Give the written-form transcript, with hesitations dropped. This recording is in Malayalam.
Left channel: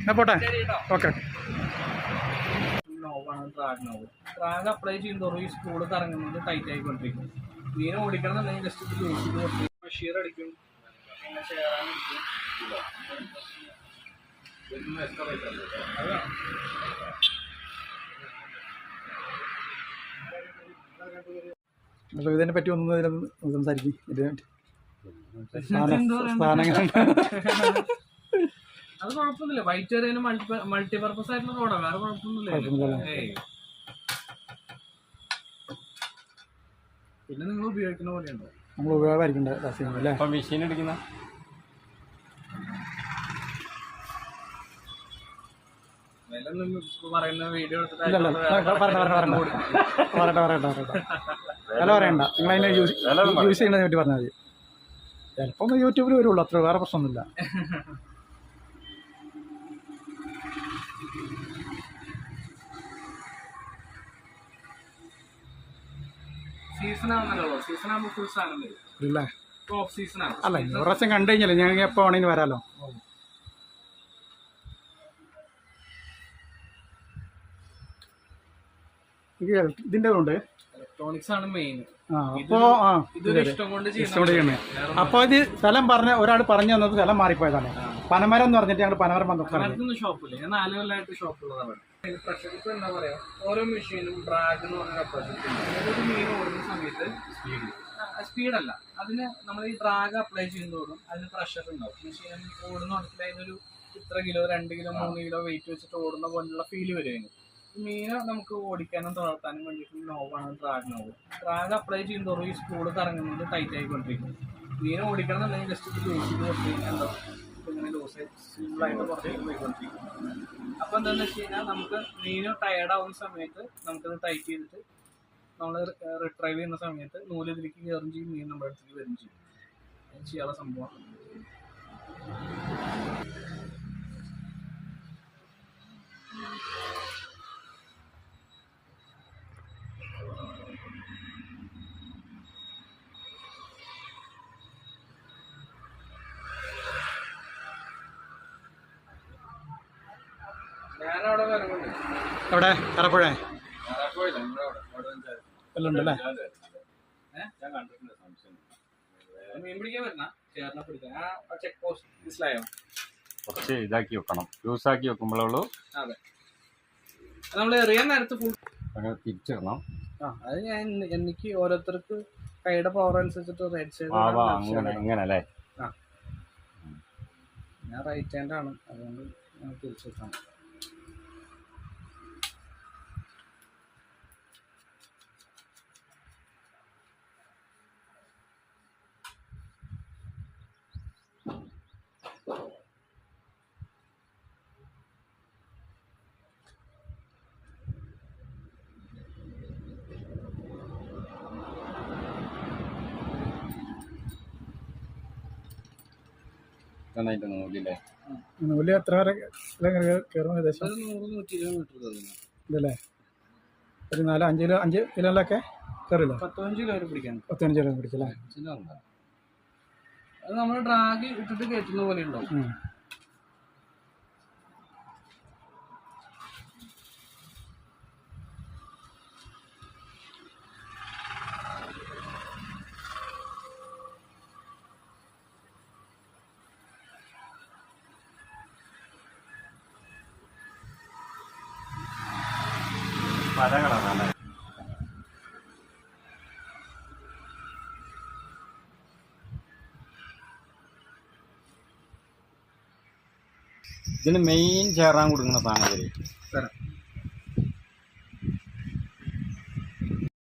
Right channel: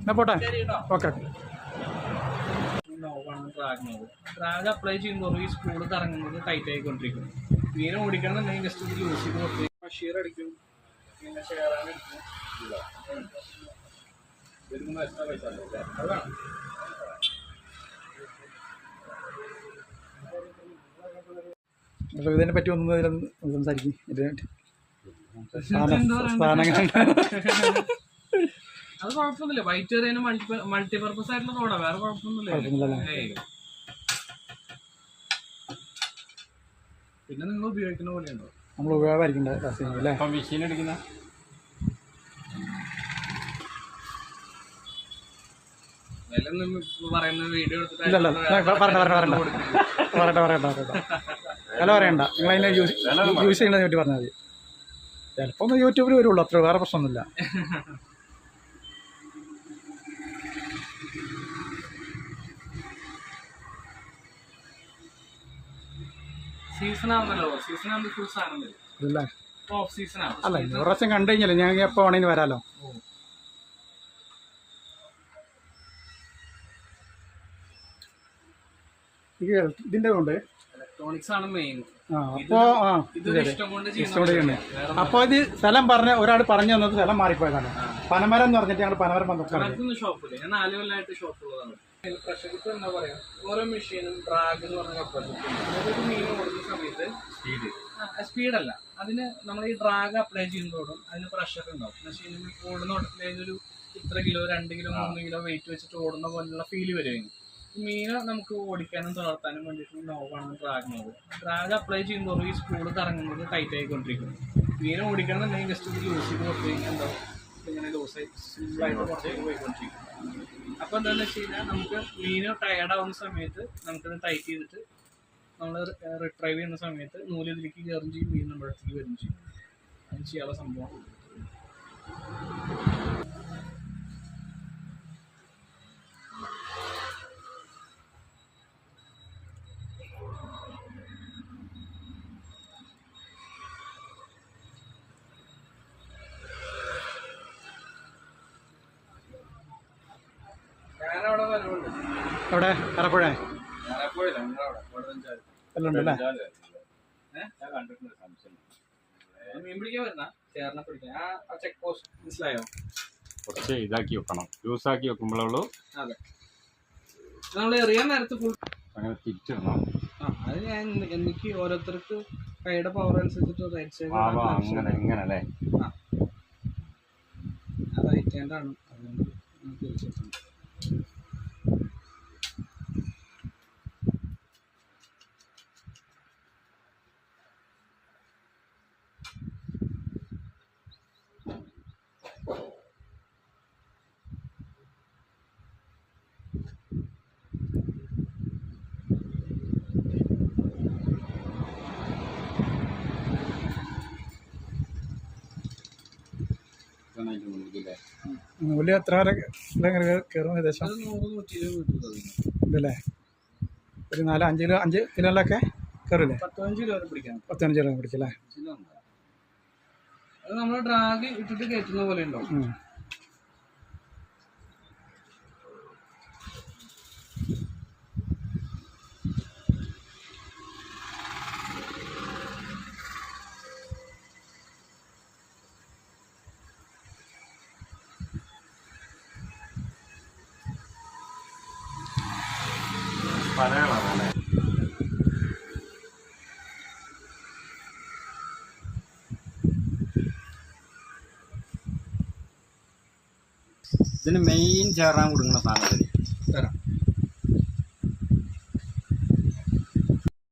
എന്നാ പോട്ടെ. ഓക്കെ. നോവാണ് ഡ്രാഗ് അപ്ലൈ ചെയ്യുന്നതോറും ഈ സ്പൂള് കറങ്ങുന്നത് ടൈറ്റ് ആയിക്കൊണ്ടിരിക്കും. മീൻ ഓടിക്കണം എന്നുണ്ടെങ്കിൽ ജസ്റ്റ് ഇത് ലൂസ് ചെയ്ത് കൊടുത്ത് ബഷീർ അടിക്കും, പിന്നെ ചേരാൻ അടിക്കും. ഇതിനെ പറ്റി ഒന്നും സംസാരിക്കും. അത് കുഴപ്പമൊന്നുമില്ല. വൈറ്റ് എറിയാനും മൾട്ടിപർപ്പസ് ആയിട്ടുള്ള റോഡാണ്, വേറെ കുഴപ്പമൊന്നുമില്ല. പിന്നെ നിങ്ങൾ ഉപയോഗിക്കുന്ന പോലെയുണ്ടോ? നമ്മൾ ഉപയോഗമായിരിക്കണ്ടേ മെഷീൻ എടുക്കുന്ന പറയുന്ന വീഡിയോ വില പറയണ്ട. നിങ്ങൾ അതിനെ യൂസ് ചെയ്യുന്നതിനെ പറ്റി പറഞ്ഞാൽ മതി. ചിലപ്പോൾ ഒന്ന് യൂട്യൂബിൽ വരുള്ളൂ, അത്ര വേറെ പ്രശ്നമൊന്നുമില്ല. അല്ല, ഒരു പ്രാവശ്യം കണ്ടു കഴിഞ്ഞാലേ ഞങ്ങൾക്ക് എപ്പോൾ വേണമെങ്കിലും വരാമല്ലോ. ഇതിൻ്റെ കൊണ്ട് ഇലക്ട്രോണിക്സ് ആണ് മെയിൻ. അപ്പോൾ ഇത് സ്ഥലം പറഞ്ഞ ഒരാൾ പറഞ്ഞു തന്നത് സ്ഥലം മാറിപ്പോയതാണ്. പനമരം എന്ന് പറഞ്ഞിട്ട് ഞങ്ങൾ പനമരം ഷോപ്പില്ല. ഞാൻ 4 കൊല്ലമായിട്ട് ഷോപ്പുള്ളതാണ്. പ്രഷർ കുക്കർ എന്താ പറയാ, ഓരോ മെഷീനും ഡ്രാഗ് എന്ന് പറഞ്ഞ കപ്പാസിറ്റി. മീൻ ഓടുന്ന സമയത്ത് സ്പീഡല്ല, അതിന് നമ്മൾ ഈ ഡ്രാഗ് അപ്ലൈ ചെയ്യുന്നതോടും അതിന് പ്രഷർ ഉണ്ടാവും. മെഷീൻ ഓടുന്ന ഓട്ടത്തിൽ അതിനൊരു ഇത്ര കിലോ 2 കിലോ 3 കിലോ വെയിറ്റ് വെച്ചിട്ട് ഓടുന്ന പോലുള്ള ഫീല് വരുമായിരുന്നു. മീനെ നമുക്ക് ഓടിക്കാനും തളർത്താനും വേണ്ടിയിട്ട് നോവാണ് ഡ്രാഗ് നോവ്. ഡ്രാഗ് അപ്ലൈ ചെയ്യുന്നതോറും ഈ സ്പൂള് കറങ്ങുന്നത് ടൈറ്റ് ആയിക്കൊണ്ടിരിക്കും. മീനെ ഓടിക്കണം എന്നുണ്ടെങ്കിൽ ജസ്റ്റ് ഇത് ലൂസ് ചെയ്ത് കൊടുത്തു കഴിഞ്ഞാൽ എന്താ ഇങ്ങനെ ലൂസായി സിമ്പിളായിട്ട് പുറത്തേക്ക് പോയിക്കൊണ്ടിരിക്കും. അപ്പോൾ എന്താണെന്ന് വെച്ച് കഴിഞ്ഞാൽ നമുക്ക് മീന് ടയർഡാവുന്ന സമയത്ത് നമുക്കത് ടൈറ്റ് ചെയ്തിട്ട് നമ്മൾ റിട്രൈവ് ചെയ്യുന്ന സമയത്ത് നൂല് ഇതിലേക്ക് കയറും ചെയ്യും, മീൻ നമ്മുടെ അടുത്തേക്ക് വരും ചെയ്യും. അത് ചെയ്യാനുള്ള സംഭവമാണ്. ഞാനവിടെ വരവുണ്ട്. എവിടെ? കറപ്പുഴ എല്ലാം ഉണ്ടല്ലേ? മീൻ പിടിക്കാൻ വരുന്ന ചേർന്ന പിടിക്കാൻ ആ ചെക്ക് പോസ്റ്റ് മനസ്സിലായോ? കുറച്ച് ഇതാക്കി വെക്കണം, ലൂസാക്കി വെക്കുമ്പോഴുള്ളൂ. അതെ, നമ്മൾ എറിയാൻ നേരത്ത് ഫുൾ തിരിച്ചിടണം. അത് ഞാൻ എനിക്ക് ഓരോരുത്തർക്ക് കൈയുടെ പവർ അനുസരിച്ചിട്ട് റൈറ്റ് സൈഡ് ഇങ്ങനല്ലേ? ഞാൻ റൈറ്റ് ഹാൻഡാണ്, അതുകൊണ്ട് തിരിച്ചിട്ടാണ്. നൂല് എത്ര വരെ കയറും? ഏകദേശം 100-120 ഇതല്ലേ? ഒരു 4-5 കിലോയിലൊക്കെ കയറില്ലേ? 15 കിലോ വരെ പിടിക്കാം. 15 കിലോ പിടിക്കല്ലേ? അത് നമ്മൾ ഡ്രാഗ് ഇട്ടിട്ട് കയറ്റുന്ന പോലെ ഉണ്ടാവും. ഇതിന് മെയിൻ ചേറാൻ കൊടുക്കുന്ന സാധനം തരാം.